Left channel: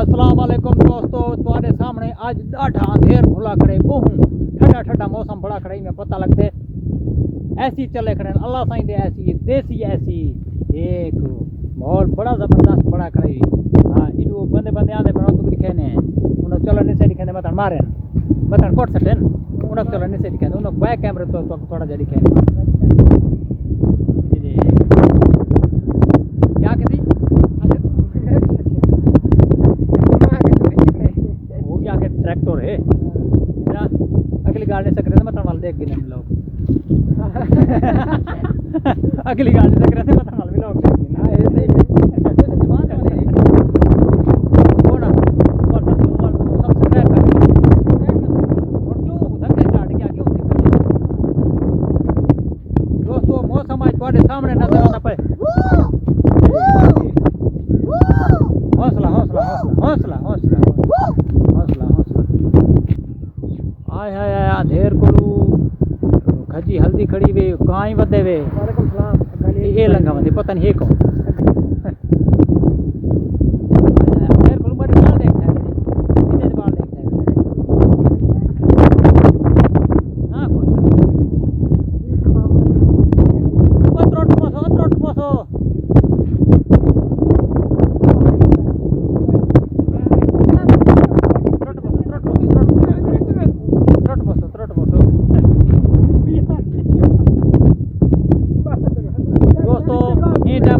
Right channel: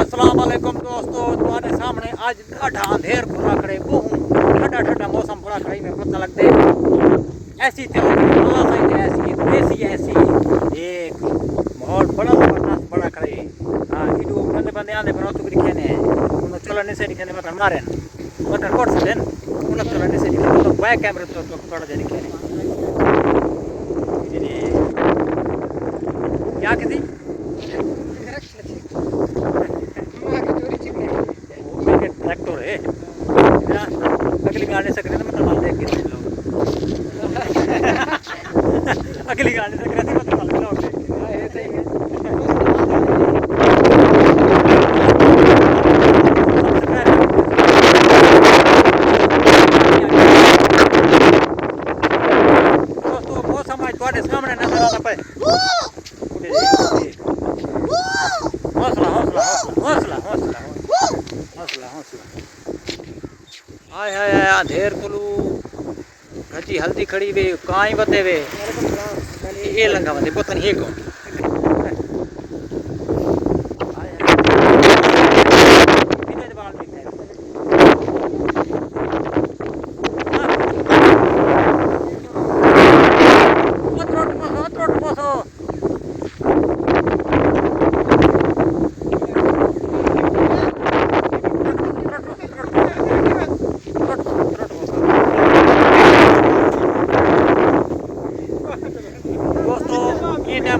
अस्सलाम वालेकुम दोस्तों, तुम्हारे सामने आज ढाढा अंधेर खुला करे बहु ठंडा ठंडा मौसम बड़ा करे में पता लगते ऐसी चले गए अल्लाह साईं ऐसी देसी ऐसी एक माहौल बड़ा जबरदस्त बड़ा करे। हाँ इडो बंदे बंदे आंदे पर तो दिखे ने उन चलो नहीं से दिखे ने मतन मारे मतन कोट से देन उन चलो नहीं से दिखे तो बैक कैमरे तो थोड़ा जा दिखे क्या कहती ट्रैक्टर है अगली गाड़ी से करे मतलब माल देख के लोग अगली गाड़ी से करे मतलब माल लोग देख के हां ये सही है। दोस्तों मौसम आज तुम्हारे सामने नजर आता पे हौसला हौसला हौसला हौसला हौसला हाय हाय हाय अंधेर कोलू खजी हल्दी खड़ी वे काई बदे वे वालेकुम सलाम ये लंगा बंदे पता नहीं है कौन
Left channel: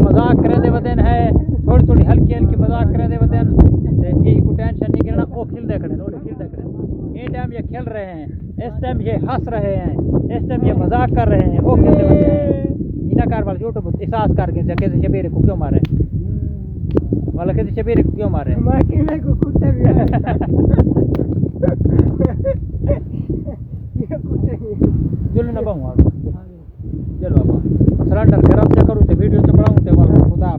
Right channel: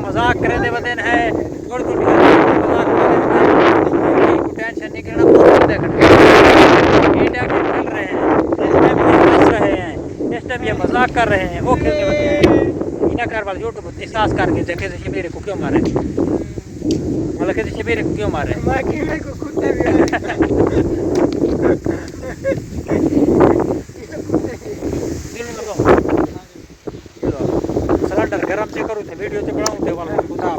मजाक करे दे वदन है थोड़ी थोड़ी मजाक करे दे को टेंशन नहीं करना बहुत देख ये टाइम चल रहे हैं इस टाइम ये हंस रहे हैं इस टाइम ये मजाक कर रहे हैं वो खेलते हैं इना कार वाले यूट्यूब एहसास करके जगह से मेरे को क्यों मारे वाला के से मेरे को क्यों मारे मैं कि मेरे को कुत्ते भी दिल में लगाओ चलो सिलेंडर गरम से करूँ तो वीडियो से बढ़ाऊँ तो वाला खुदा